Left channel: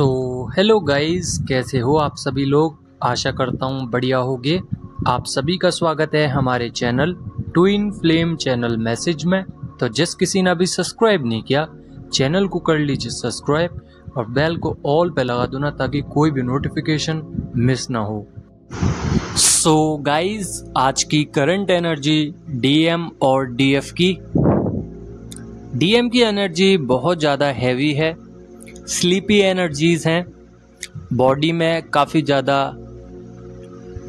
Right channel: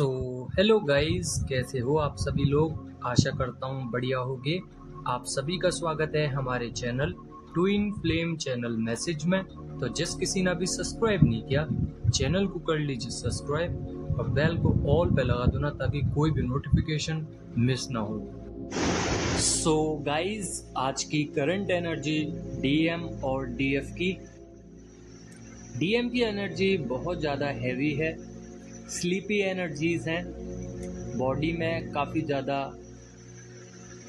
Hello guys, कैसे हो आप सभी लोग। आशा करता हूँ बढ़िया होगे। आप सभी का स्वागत है हमारे channel twin flame channel message में। तो जिस किसी ने अभी सब्सक्राइब नहीं किया, चैनल को कर लीजिए सब्सक्राइब और बेल को ऑल पे लगा दो ना, ताकि कोई भी नोटिफिकेशन मिस ना हो। गाइस, आज की करंट एनर्जी डीएम और डीएफ की। डीएम की एनर्जी बहुत ज़्यादा हैवी है, स्लीपी एनर्जीज हैं, बॉडी में काफ़ी ज़्यादा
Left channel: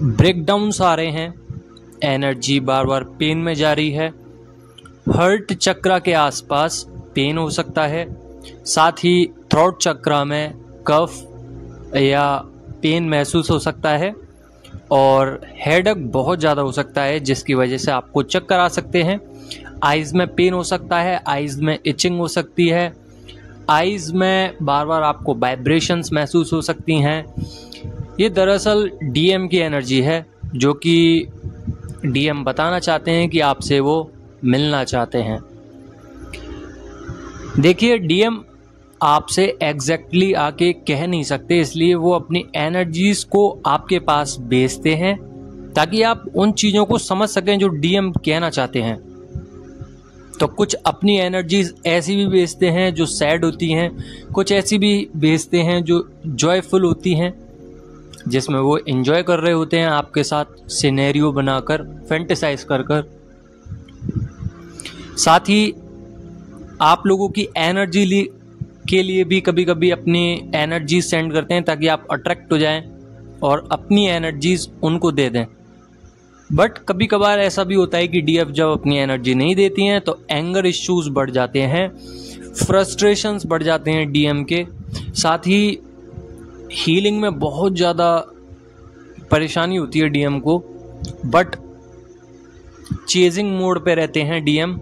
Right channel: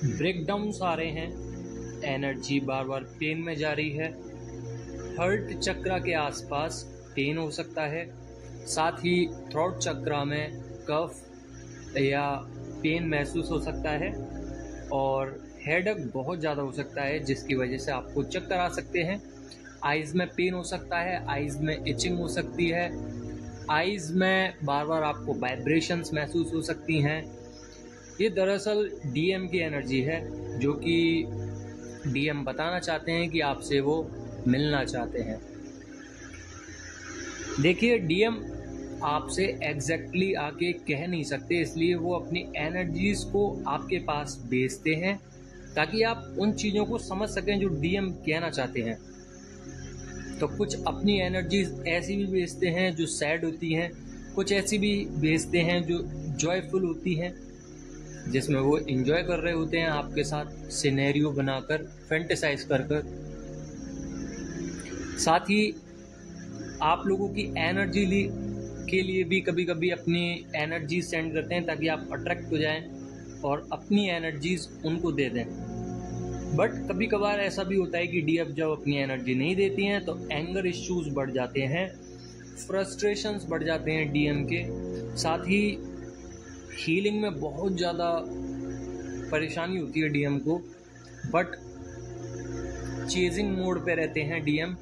ब्रेकडाउन्स आ रहे हैं, एनर्जी बार बार पेन में जा रही है, हार्ट चक्रा के आसपास पेन हो सकता है, साथ ही थ्रोट चक्रा में कफ या पेन महसूस हो सकता है और हेडेक बहुत ज़्यादा हो सकता है, जिसकी वजह से आपको चक्कर आ सकते हैं। आइज़ में पेन हो सकता है, आइज़ में इचिंग हो सकती है, आइज़ में बार बार आपको वाइब्रेशंस महसूस हो सकती हैं। ये दरअसल डीएम की एनर्जी है, जो कि डीएम बताना चाहते हैं कि आपसे वो मिलना चाहते हैं। देखिए, डीएम आपसे एग्जैक्टली आके कह नहीं सकते, इसलिए वो अपनी एनर्जीज को आपके पास भेजते हैं ताकि आप उन चीज़ों को समझ सकें जो डीएम कहना चाहते हैं। तो कुछ अपनी एनर्जीज ऐसी भी भेजते हैं जो सैड होती हैं, कुछ ऐसी भी भेजते हैं जो जॉयफुल होती हैं, जिसमें वो एंजॉय कर रहे होते हैं आपके साथ सिनेरियो बनाकर, फैंटेसाइज कर कर। साथ ही आप लोगों की एनर्जी के लिए भी कभी कभी अपनी एनर्जी सेंड करते हैं ताकि आप अट्रैक्ट हो जाएं और अपनी एनर्जीज उनको दे दें। बट कभी कभार ऐसा भी होता है कि डीएफ जब अपनी एनर्जी नहीं देती हैं तो एंगर इश्यूज बढ़ जाते हैं, फ्रस्ट्रेशंस बढ़ जाते हैं डीएम के। साथ ही हीलिंग में बहुत ज़्यादा परेशानी होती है डीएम को, बट चेजिंग मोड पे रहते हैं डीएम।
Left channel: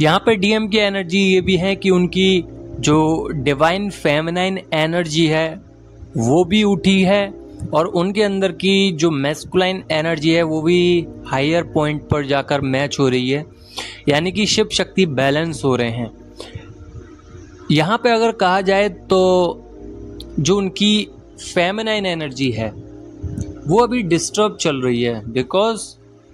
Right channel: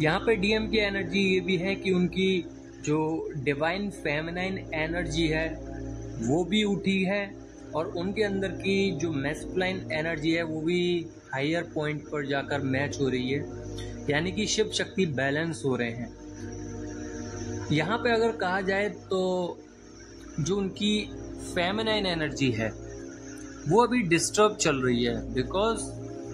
यहाँ पे डीएम की एनर्जी ये भी है कि उनकी जो डिवाइन फेमिनाइन एनर्जी है वो भी उठी है और उनके अंदर की जो मैस्कुलाइन एनर्जी है वो भी हायर पॉइंट पर जाकर मैच हो रही है, यानी कि शिव शक्ति बैलेंस हो रहे हैं। यहाँ पे अगर कहा जाए तो जो उनकी फेमिनाइन एनर्जी है वो अभी डिस्टर्ब चल रही है, बिकॉज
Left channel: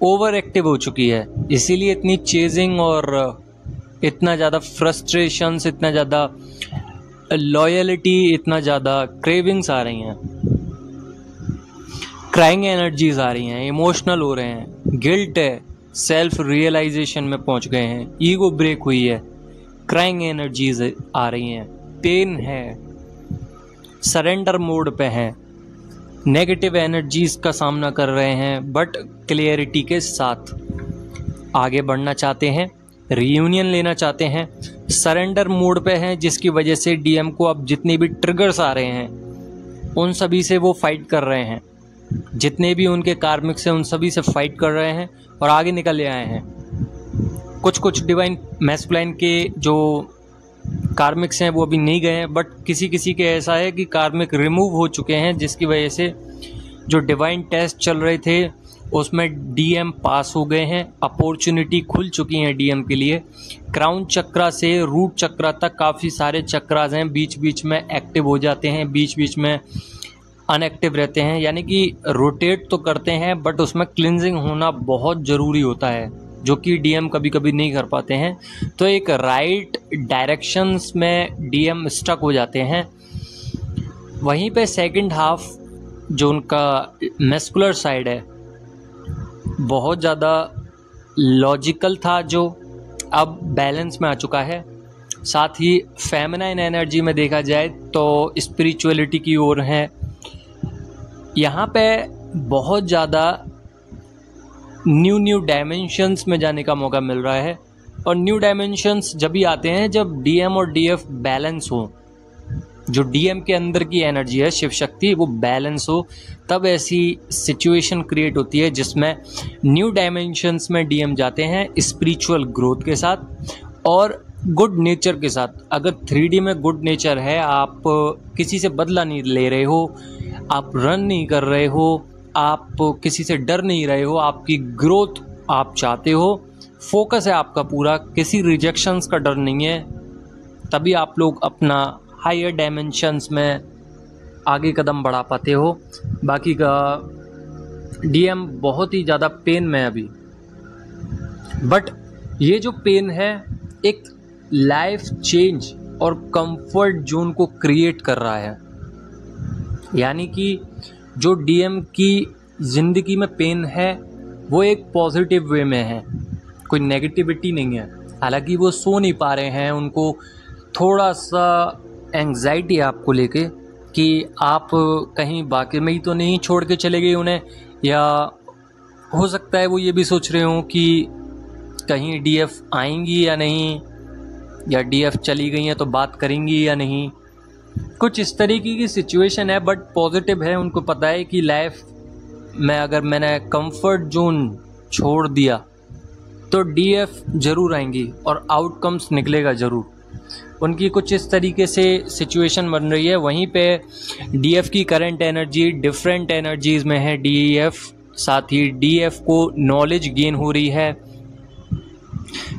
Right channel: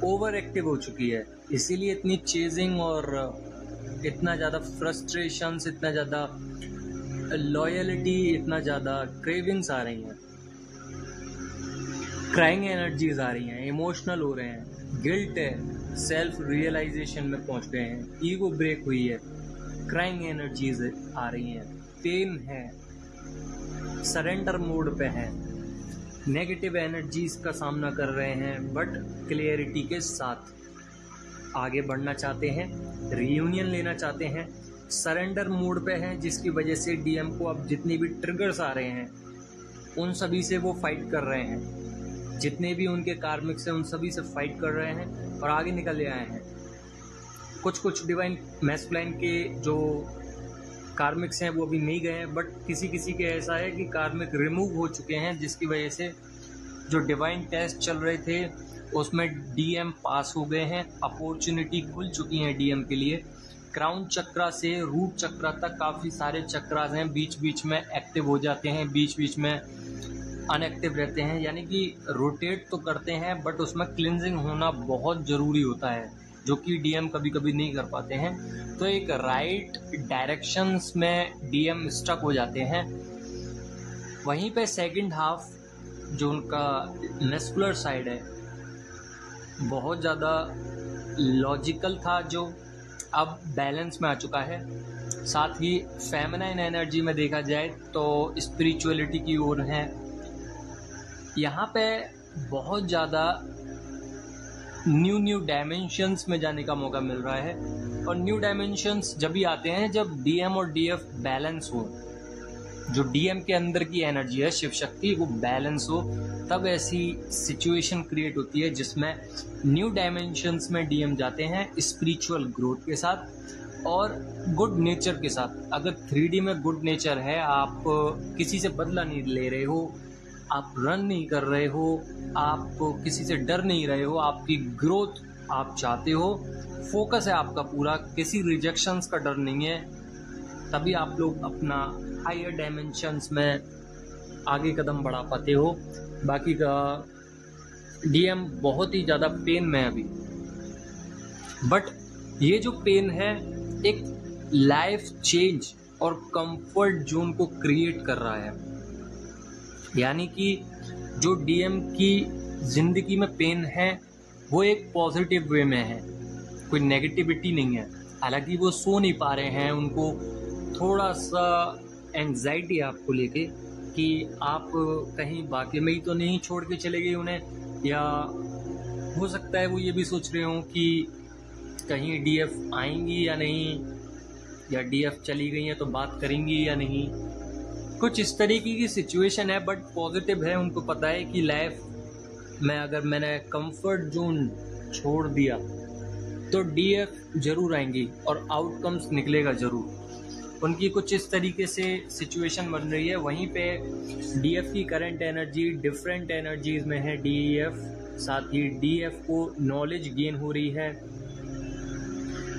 ओवर एक्टिव हो चुकी है, इसीलिए इतनी चेजिंग और इतना ज़्यादा फ्रस्ट्रेशंस, इतना ज़्यादा लॉयलिटी, इतना ज़्यादा क्रेविंग्स आ रही हैं, क्राइंग एनर्जीज आ रही हैं, इमोशनल हो रहे हैं, गिल्ट है, सेल्फ रियलाइजेशन में पहुंच गए हैं, ईगो ब्रेक हुई है, क्राइंग एनर्जीज आ रही हैं, पेन है, सरेंडर मोड पे हैं, नेगेटिव एनर्जीज का सामना कर रहे हैं, बट क्लियरिटी के साथ आगे बढ़ना चाहते हैं, रियूनियन लेना चाहते हैं, सरेंडर मोड पे हैं, जिसकी वजह से डीएम को अब जितने भी ट्रिगर्स आ रहे हैं उन सभी से वो फाइट कर रहे हैं, जितने भी उनके कार्मिक्स हैं उन सभी से फाइट कर रहे हैं और आगे निकल आए हैं। कुछ डिवाइन मैस्कुलाइन के जो कार्मिक्स हैं वो अभी नहीं गए हैं, बट किसी किसी के ऐसा है कि कार्मिक रिमूव हो चुके हैं, जिसकी वजह से जो डिवाइन टेस्ट चल रहे थे उसमें डीएम पास हो गए हैं, अपॉर्चुनिटी खुल चुकी हैं डीएम के लिए। क्राउन चक्रा से रूट चक्रा तक काफ़ी सारे चक्रास हैं, बीच बीच में एक्टिव हो जाते हैं, बीच बीच में अनएक्टिव रहते हैं, यानी कि रोटेट तो करते हैं बट उसमें क्लिनजिंग होना बहुत ज़रूरी होता है, जो कि डीएम कभी कभी नहीं कर पाते हैं। तो एक राइट डायरेक्शंस में डीएम स्टक हो जाते हैं। वहीं पे सेकंड हाफ जो उनका मैस्कुलर साइड है बहुत ज़्यादा लॉजिकल था, जो अब बैलेंस में आ चुका है। साथ ही फेमिनाइन एनर्जी में देखा जाए तो स्पिरिचुअलिटी की ओर है। यहाँ पे बहुत ज़्यादा न्यू डायमेंशंस में जाने का मौका मिल रहा है, और न्यू डायमेंशंस जब भी आते हैं जब डीएम और डीएफ बैलेंस हो, जो डीएम के अंदर की एनर्जी है शिव शक्ति वो बैलेंस हो, तब ऐसी सिचुएशन क्रिएट होती है जिसमें न्यू डायमेंशंस में डीएम जाते हैं स्पिरिचुअल ग्रोथ के साथ और गुड नेचर के साथ। अगर 3D में गुड नेचर है, आप किसी से बदला नहीं ले रहे हो, आप रन नहीं कर रहे हो, आप किसी से डर नहीं रहे हो, आपकी ग्रोथ आप चाहते हो, फोकस है आपका पूरा, किसी रिजेक्शंस का डर नहीं है, तभी आप लोग अपना हायर डायमेंशंस में आगे कदम बढ़ा पाते हो। बाकी का डीएम बहुत ही ज़्यादा पेन में है अभी, बट ये जो पेन है एक लाइफ चेंज और कंफर्ट जोन को क्रिएट कर रहा है। यानी कि जो डीएम की ज़िंदगी में पेन है वो एक पॉजिटिव वे में है, कोई नेगेटिविटी नहीं है। हालांकि वो सो नहीं पा रहे हैं, उनको थोड़ा सा एंग्जाइटी है आपको लेके कि आप कहीं बाकी में ही तो नहीं छोड़ के चले गए उन्हें, या हो सकता है वो ये भी सोच रहे हों कि कहीं डीएफ आएंगी या नहीं, या डीएफ चली गई हैं तो बात करेंगी या नहीं। कुछ इस तरीके की सिचुएशन है, बट पॉजिटिव है। उनको पता है कि लाइफ में अगर मैंने कंफर्ट जोन छोड़ दिया तो डीएफ ज़रूर आएंगी और आउटकम्स निकलेगा ज़रूर। उनकी कुछ इस तरीके से सिचुएशन बन रही है। वहीं पे डीएफ की करंट एनर्जी डिफरेंट एनर्जीज़ में है डीएफ, साथ ही डीएफ को नॉलेज गेन हो रही है,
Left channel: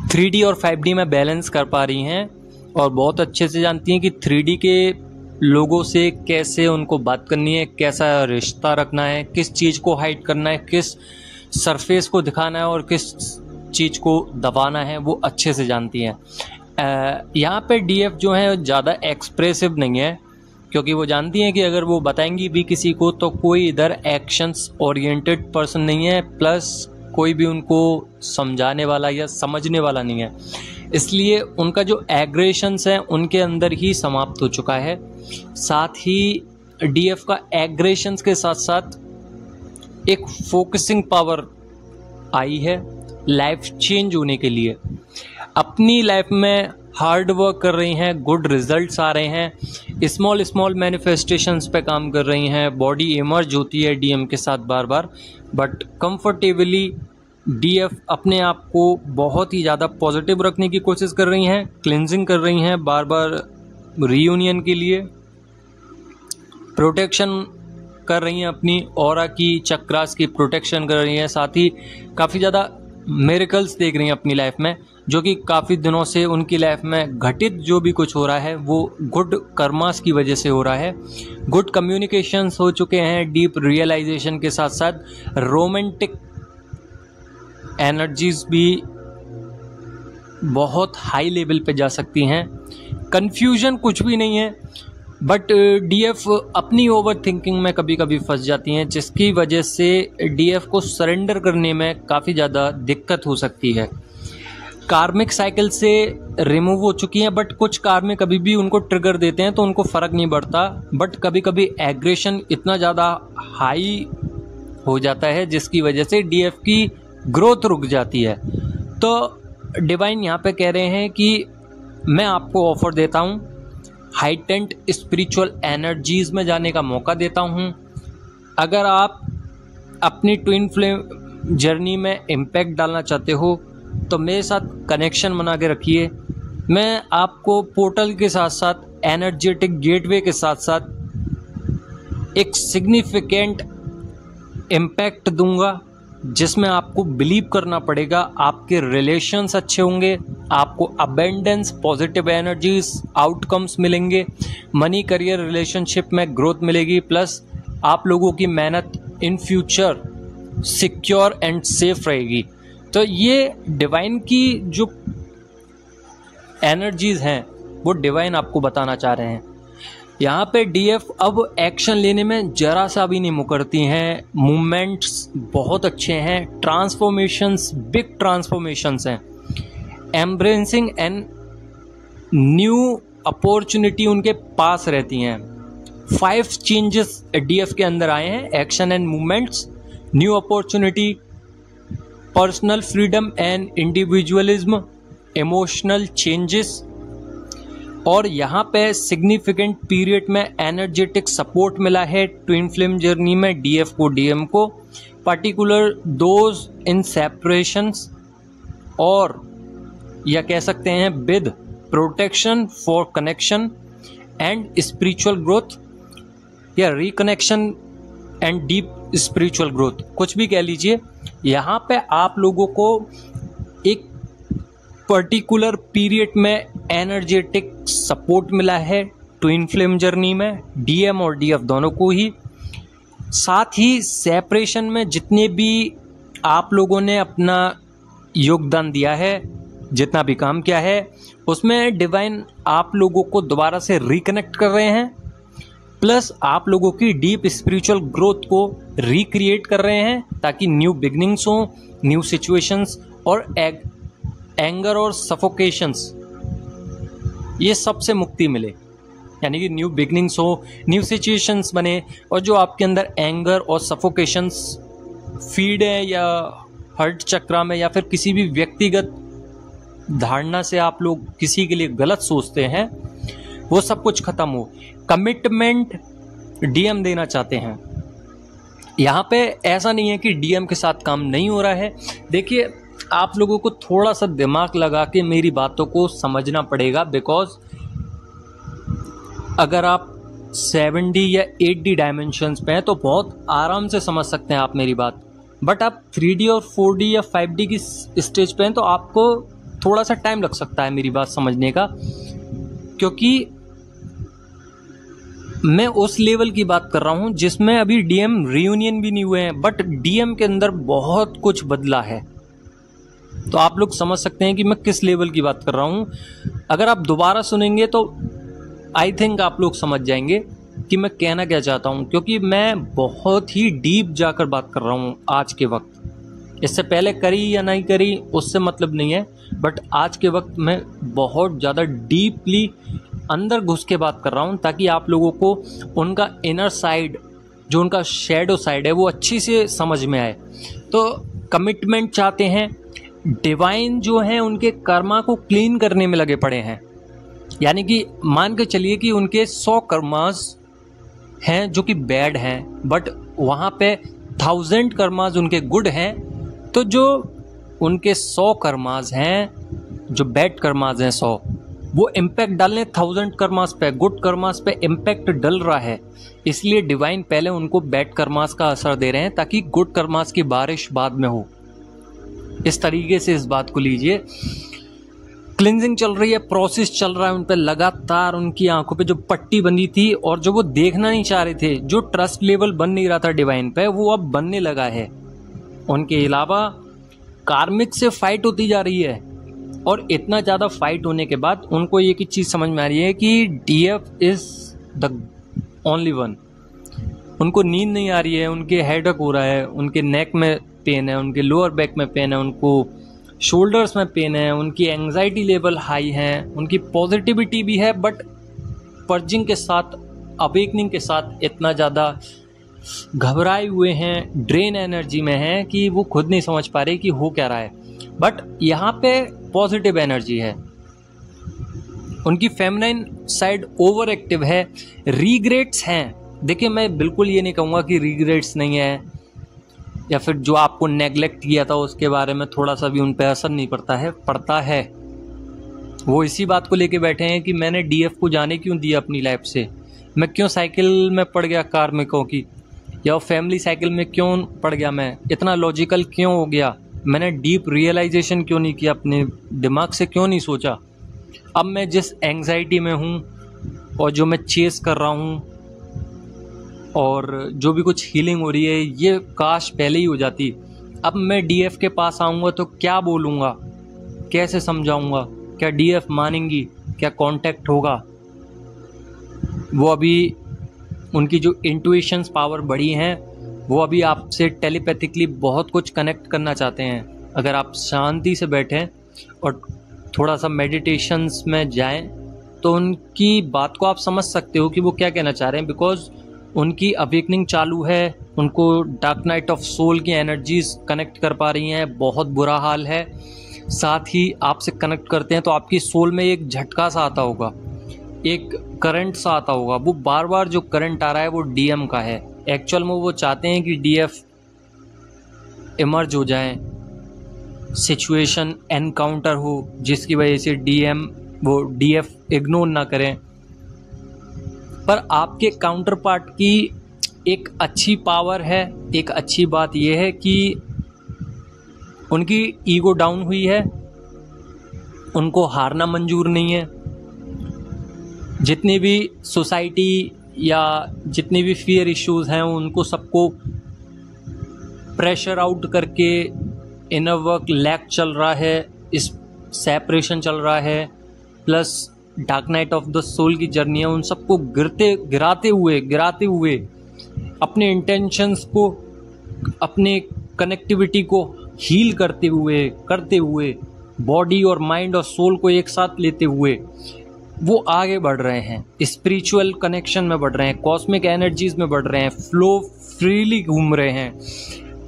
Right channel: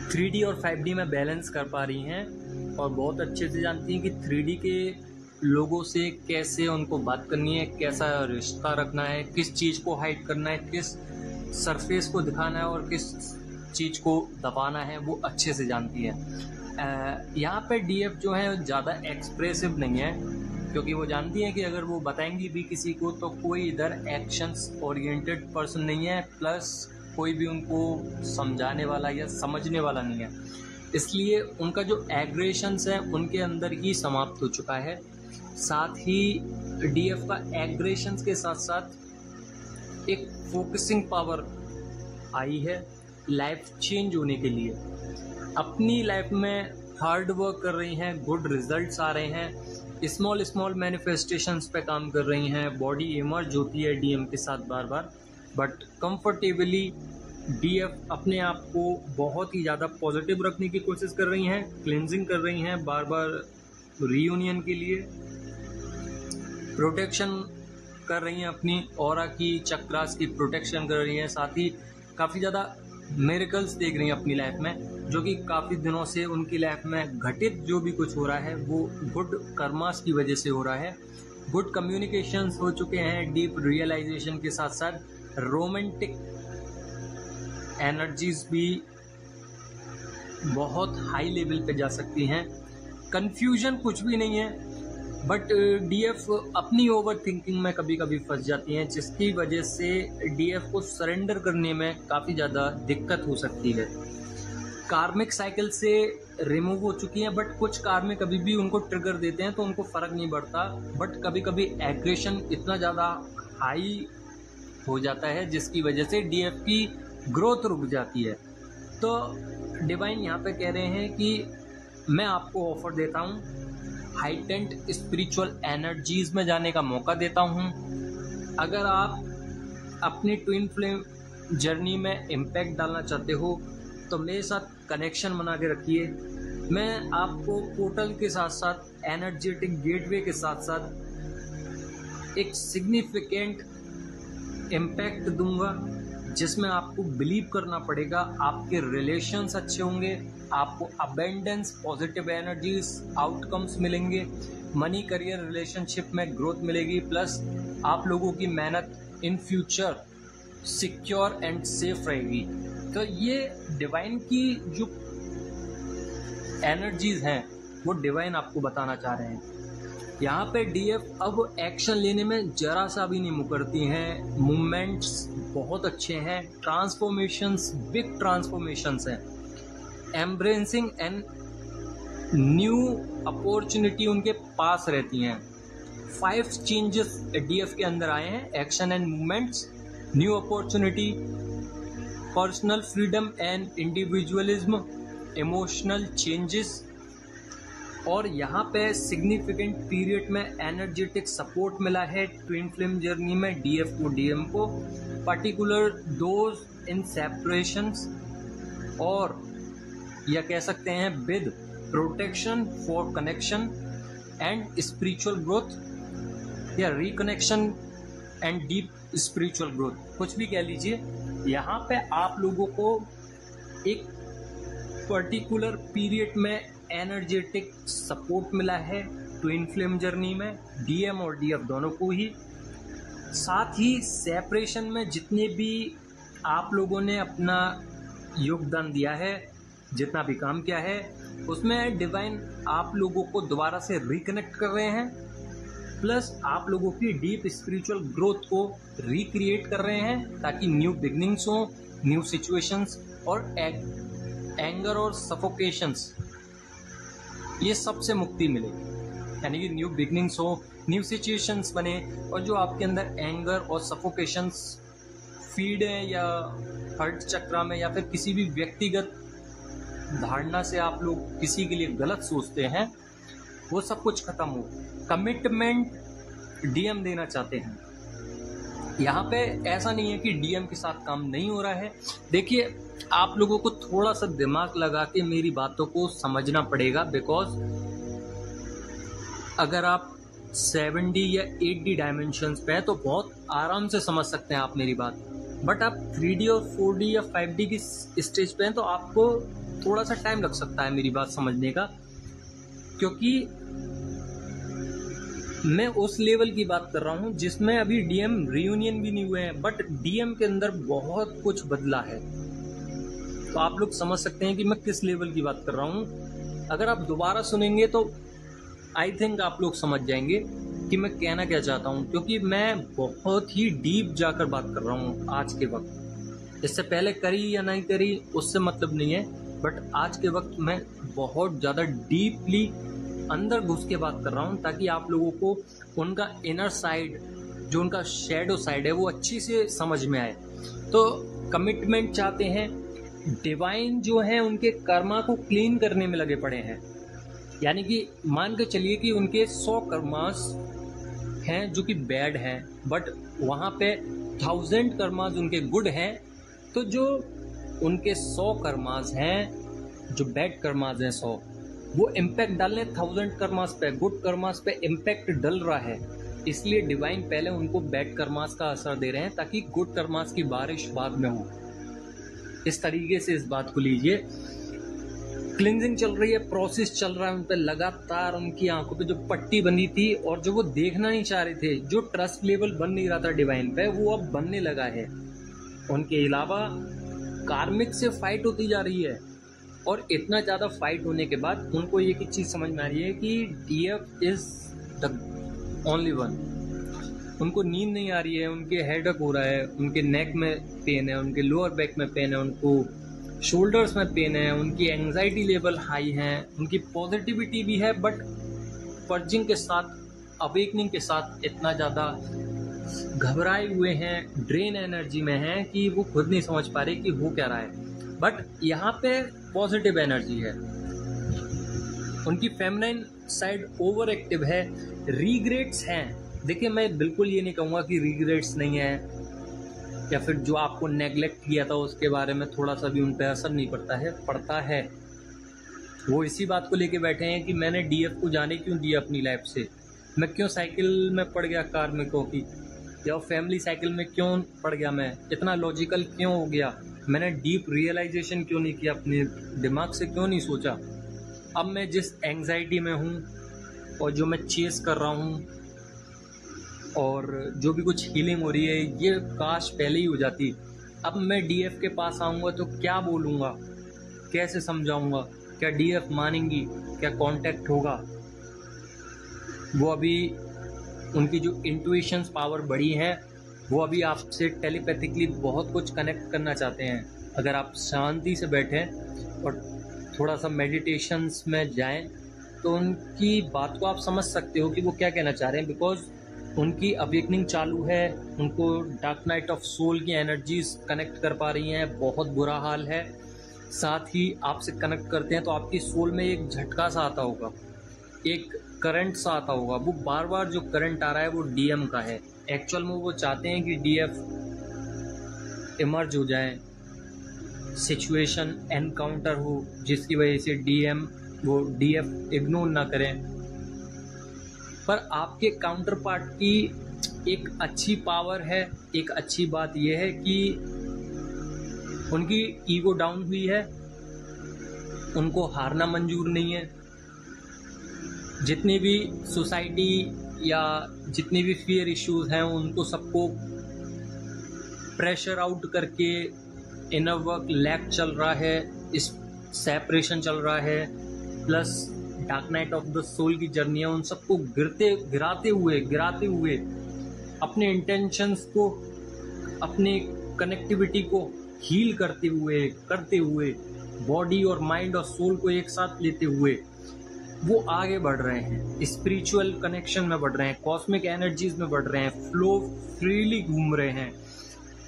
3D और 5D में बैलेंस कर पा रही हैं और बहुत अच्छे से जानती हैं कि 3D के लोगों से कैसे उनको बात करनी है, कैसा रिश्ता रखना है, किस चीज़ को हाइड करना है, किस सरफेस को दिखाना है और किस चीज़ को दबाना है, वो अच्छे से जानती हैं। यहाँ पे डीएफ जो है ज़्यादा एक्सप्रेसिव नहीं है, क्योंकि वो जानती हैं कि अगर वो बताएंगी भी किसी को तो कोई इधर एक्शंस ओरिएंटेड पर्सन नहीं है, प्लस कोई भी उनको समझाने वाला या समझने वाला नहीं है। इसलिए उनका जो एग्रेशंस है उनके अंदर ही समाप्त हो चुका है। साथ ही डीएफ का एग्रेशंस के साथ साथ एक फोकसिंग पावर आई है लाइफ चेंज होने के लिए। अपनी लाइफ में हार्ड वर्क कर रही हैं, गुड रिजल्ट्स आ रहे हैं, स्मॉल मैनिफेस्टेशंस पे काम कर रही हैं, बॉडी इमर्ज होती है डीएम के साथ बार बार, बट कंफर्टेबली डीएफ अपने आप को बहुत ही ज़्यादा पॉजिटिव रखने की कोशिश कर रही हैं, क्लिनजिंग कर रही हैं बार बार रीयूनियन के लिए, प्रोटेक्शन कर रही हैं, अपनी ऑरा की चक्रास की प्रोटेक्शन कर रही हैं। साथ ही काफ़ी ज़्यादा मिरेकल्स देख रही हैं अपनी लाइफ में, जो कि काफ़ी दिनों से उनकी लाइफ में घटित जो भी कुछ हो रहा है वो गुड कर्मास की वजह से हो रहा है। गुड कम्युनिकेशंस हो चुके हैं, डीप रियलाइजेशन के साथ साथ रोमांटिक एनर्जीज भी बहुत हाई लेवल पे जा सकती हैं। कन्फ्यूजन कुछ भी नहीं है, बट डीएफ अपनी ओवर थिंकिंग में कभी कभी फंस जाती हैं, जिसकी वजह से डीएफ को सरेंडर करने में काफ़ी ज़्यादा दिक्कत हो सकती है। कार्मिक साइकिल से रिमूव हो चुकी हैं, बट कुछ कार्मिक कभी भी उनको ट्रिगर देते हैं तो उनको फ़र्क नहीं पड़ता, बट कभी कभी एग्रेशन इतना ज़्यादा हाई हो जाता है जिसकी वजह से डीएफ की ग्रोथ रुक जाती है। तो डिवाइन यहाँ पे कह रहे हैं कि मैं आपको ऑफर देता हूँ, हाइटेंड स्पिरिचुअल एनर्जीज़ में जाने का मौका देता हूँ। अगर आप अपनी ट्विन फ्लेम जर्नी में इम्पैक्ट डालना चाहते हो तो मेरे साथ कनेक्शन बना के रखिए। मैं आपको पोर्टल के साथ साथ एनर्जेटिक गेटवे के साथ साथ एक सिग्निफिकेंट इम्पैक्ट दूंगा, जिसमें आपको बिलीव करना पड़ेगा आपके रिलेशंस अच्छे होंगे, आपको अबेंडेंस, पॉजिटिव एनर्जीज, आउटकम्स मिलेंगे, मनी करियर रिलेशनशिप में ग्रोथ मिलेगी, प्लस आप लोगों की मेहनत in future secure and safe रहेगी। तो ये डिवाइन की जो एनर्जीज हैं वो डिवाइन आपको बताना चाह रहे हैं। यहाँ पे डीएफ अब एक्शन लेने में जरा सा भी नहीं मुकरती हैं, मूवमेंट्स बहुत अच्छे हैं, ट्रांसफॉर्मेशंस, बिग ट्रांसफॉर्मेशंस हैं, एम्ब्रेसिंग एंड न्यू अपॉर्चुनिटी उनके पास रहती हैं। 5 चेंजेस डीएफ के अंदर आए हैं, action and movements, new opportunity, personal freedom and individualism, emotional changes, और यहाँ पे सिग्निफिकेंट पीरियड में एनर्जेटिक सपोर्ट मिला है ट्विन फ्लेम जर्नी में डीएफ को, डीएम को, पर्टिकुलर दोज इन सेपरेशंस, और या कह सकते हैं with protection for connection and spiritual growth, या reconnection and deep spiritual growth, कुछ भी कह लीजिए। यहाँ पे आप लोगों को एक पर्टिकुलर पीरियड में एनर्जेटिक सपोर्ट मिला है ट्विन फ्लेम जर्नी में डीएम और डीएफ दोनों को ही। साथ ही सेपरेशन में जितने भी आप लोगों ने अपना योगदान दिया है, जितना भी काम किया है, उसमें डिवाइन आप लोगों को दोबारा से रिकनेक्ट कर रहे हैं, प्लस आप लोगों की डीप स्पिरिचुअल ग्रोथ को रिक्रिएट कर रहे हैं ताकि न्यू बिगनिंग्स हो, न्यू सिचुएशंस और एंगर और सफोकेशंस, ये सबसे मुक्ति मिले। यानी कि न्यू बिगनिंग्स हो, न्यू सिचुएशंस बने, और जो आपके अंदर एंगर और सफोकेशंस फीड है या हर्ट चक्रा में या फिर किसी भी व्यक्तिगत धारणा से आप लोग किसी के लिए गलत सोचते हैं, वो सब कुछ खत्म हो। कमिटमेंट डीएम देना चाहते हैं। यहाँ पे ऐसा नहीं है कि डीएम के साथ काम नहीं हो रहा है। देखिए, आप लोगों को थोड़ा सा दिमाग लगा के मेरी बातों को समझना पड़ेगा, बिकॉज अगर आप 7D या 8D डायमेंशंस पे हैं तो बहुत आराम से समझ सकते हैं आप मेरी बात, बट आप 3D और 4D या 5D की स्टेज पे हैं तो आपको थोड़ा सा टाइम लग सकता है मेरी बात समझने का, क्योंकि मैं उस लेवल की बात कर रहा हूं जिसमें अभी डीएम रियूनियन भी नहीं हुए हैं, बट डीएम के अंदर बहुत कुछ बदला है। तो आप लोग समझ सकते हैं कि मैं किस लेवल की बात कर रहा हूं। अगर आप दोबारा सुनेंगे तो आई थिंक आप लोग समझ जाएंगे कि मैं कहना क्या चाहता हूं, क्योंकि मैं बहुत ही डीप जाकर बात कर रहा हूं आज के वक्त। इससे पहले करी या नहीं करी उससे मतलब नहीं है, बट आज के वक्त मैं बहुत ज़्यादा डीपली अंदर घुस के बात कर रहा हूं ताकि आप लोगों को उनका इनर साइड, जो उनका शैडो साइड है, वो अच्छी से समझ में आए। तो कमिटमेंट चाहते हैं। डिवाइन जो हैं उनके कर्मा को क्लीन करने में लगे पड़े हैं। यानी कि मान के चलिए कि उनके 100 कर्मास हैं जो कि बैड हैं, बट वहाँ पे 1000 कर्मास उनके गुड हैं। तो जो उनके 100 कर्मास हैं, जो बैड कर्मास हैं 100, वो इम्पैक्ट डालने 1000 कर्मास पे, गुड कर्मास पे इम्पैक्ट डल रहा है। इसलिए डिवाइन पहले उनको बैड कर्मास का असर दे रहे हैं ताकि गुड कर्मास की बारिश बाद में हो। इस तरीके से इस बात को लीजिए। क्लिनजिंग चल रही है, प्रोसेस चल रहा है उन पे लगातार। उनकी आंखों पे जो पट्टी बंधी थी और जो वो देखना नहीं चाह रहे थे, जो ट्रस्ट लेवल बन नहीं रहा था डिवाइन पे, वो अब बनने लगा है। उनके अलावा कार्मिक से फाइट होती जा रही है, और इतना ज़्यादा फाइट होने के बाद उनको एक ही चीज़ समझ में आ रही है कि DF is the only one. उनको नींद नहीं आ रही है, उनके हेडेक हो रहा है, उनके नेक में पेन है, उनके लोअर बैक में पेन है, उनको शोल्डर्स में पेन है, उनकी एंग्जाइटी लेवल हाई है, उनकी पॉजिटिविटी भी है, बट पर्जिंग के साथ, अवेकनिंग के साथ इतना ज़्यादा घबराए हुए हैं, ड्रेन एनर्जी में हैं कि वो खुद नहीं समझ पा रहे कि हो क्या रहा है। बट यहाँ पे पॉजिटिव एनर्जी है। उनकी फेमिनाइन साइड ओवर एक्टिव है। रिग्रेट्स हैं। देखिए, मैं बिल्कुल ये नहीं कहूँगा कि रिग्रेट्स नहीं है, या फिर जो आपको नेगलेक्ट किया था उसके बारे में थोड़ा सा भी उन पर असर नहीं पड़ता है। वो इसी बात को लेके बैठे हैं कि मैंने डीएफ को जाने क्यों दिया अपनी लाइफ से, मैं क्यों साइकिल में पड़ गया कार्मिकों की, या फैमिली साइकिल में क्यों पड़ गया, मैं इतना लॉजिकल क्यों हो गया, मैंने डीप रियलाइजेशन क्यों नहीं किया, अपने दिमाग से क्यों नहीं सोचा। अब मैं जिस एंग्जाइटी में हूँ और जो मैं चेस कर रहा हूँ और जो भी कुछ हीलिंग हो रही है, ये काश पहले ही हो जाती। अब मैं डीएफ के पास आऊँगा तो क्या बोलूँगा, कैसे समझाऊँगा, क्या डीएफ मानेंगी, क्या कांटेक्ट होगा। वो अभी उनकी जो इंट्यूशंस पावर बढ़ी हैं, वो अभी आपसे टेलीपैथिकली बहुत कुछ कनेक्ट करना चाहते हैं। अगर आप शांति से बैठें और थोड़ा सा मेडिटेशंस में जाएं तो उनकी बात को आप समझ सकते हो कि वो क्या कहना चाह रहे हैं, बिकॉज उनकी अवेकनिंग चालू है। उनको डार्क नाइट ऑफ सोल की एनर्जीज कनेक्ट कर पा रही हैं, बहुत बुरा हाल है। साथ ही आपसे कनेक्ट करते हैं तो आपकी सोल में एक झटका सा आता होगा, एक करंट सा आता होगा। वो बार बार जो करंट आ रहा है वो डीएम का है। एक्चुअल में वो चाहते हैं कि डीएफ इमर्ज हो जाएं, सिचुएशन एनकाउंटर हो जिसकी वजह से डीएफ इग्नोर ना करें। पर आपके काउंटर पार्ट की एक अच्छी पावर है। एक अच्छी बात यह है कि उनकी ईगो डाउन हुई है, उनको हारना मंजूर नहीं है। जितनी भी सोसाइटी या जितनी भी फियर इश्यूज हैं उनको सबको प्रेशर आउट करके इनर वर्क लैक चल रहा है, इस सेपरेशन चल रहा है, plus dark night of the soul की जर्नी है, उन सबको गिराते हुए अपने इंटेंशंस को, अपने कनेक्टिविटी को हील करते हुए बॉडी और माइंड और सोल को एक साथ लेते हुए वो आगे बढ़ रहे हैं, स्पिरिचुअल कनेक्शन में बढ़ रहे हैं, कॉस्मिक एनर्जीज में बढ़ रहे हैं, फ्लो फ्रीली घूम रहे हैं,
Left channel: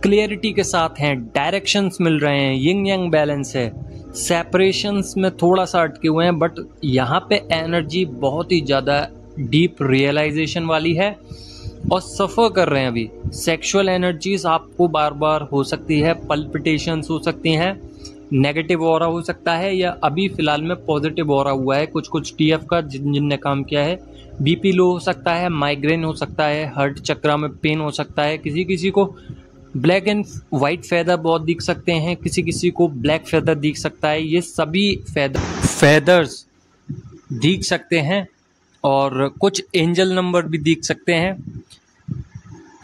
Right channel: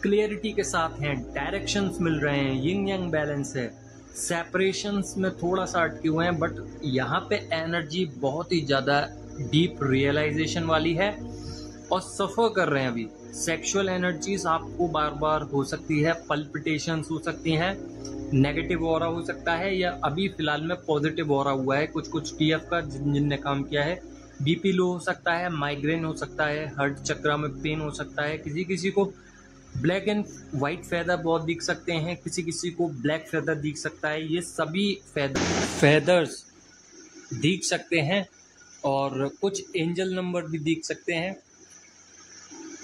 क्लियरिटी के साथ हैं, डायरेक्शंस मिल रहे हैं, यिंग यांग बैलेंस है, सेपरेशंस में थोड़ा सा अटके हुए हैं, बट यहाँ पे एनर्जी बहुत ही ज़्यादा डीप रियलाइजेशन वाली है और सफ़र कर रहे हैं अभी। सेक्सुअल एनर्जीज आपको बार बार हो सकती है, पल्पिटेशंस हो सकती हैं, नेगेटिव ऑरा हो सकता है, या अभी फ़िलहाल में पॉजिटिव ऑरा हुआ है कुछ टीएफ का जिनने काम किया है। बीपी लो हो सकता है, माइग्रेन हो सकता है, हार्ट चक्रा में पेन हो सकता है, किसी को ब्लैक एंड वाइट फेदर बहुत दिख सकते हैं, किसी को ब्लैक फेदर दिख सकता है, ये सभी फेदर्स दिख सकते हैं और कुछ एंजल नंबर भी दिख सकते हैं।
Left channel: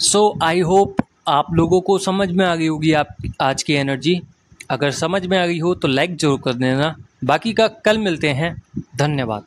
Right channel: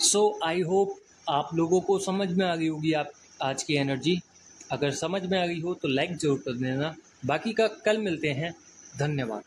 सो आई होप आप लोगों को समझ में आ गई होगी आप आज की एनर्जी। अगर समझ में आ गई हो तो लाइक ज़रूर कर देना। बाकी का कल मिलते हैं। धन्यवाद।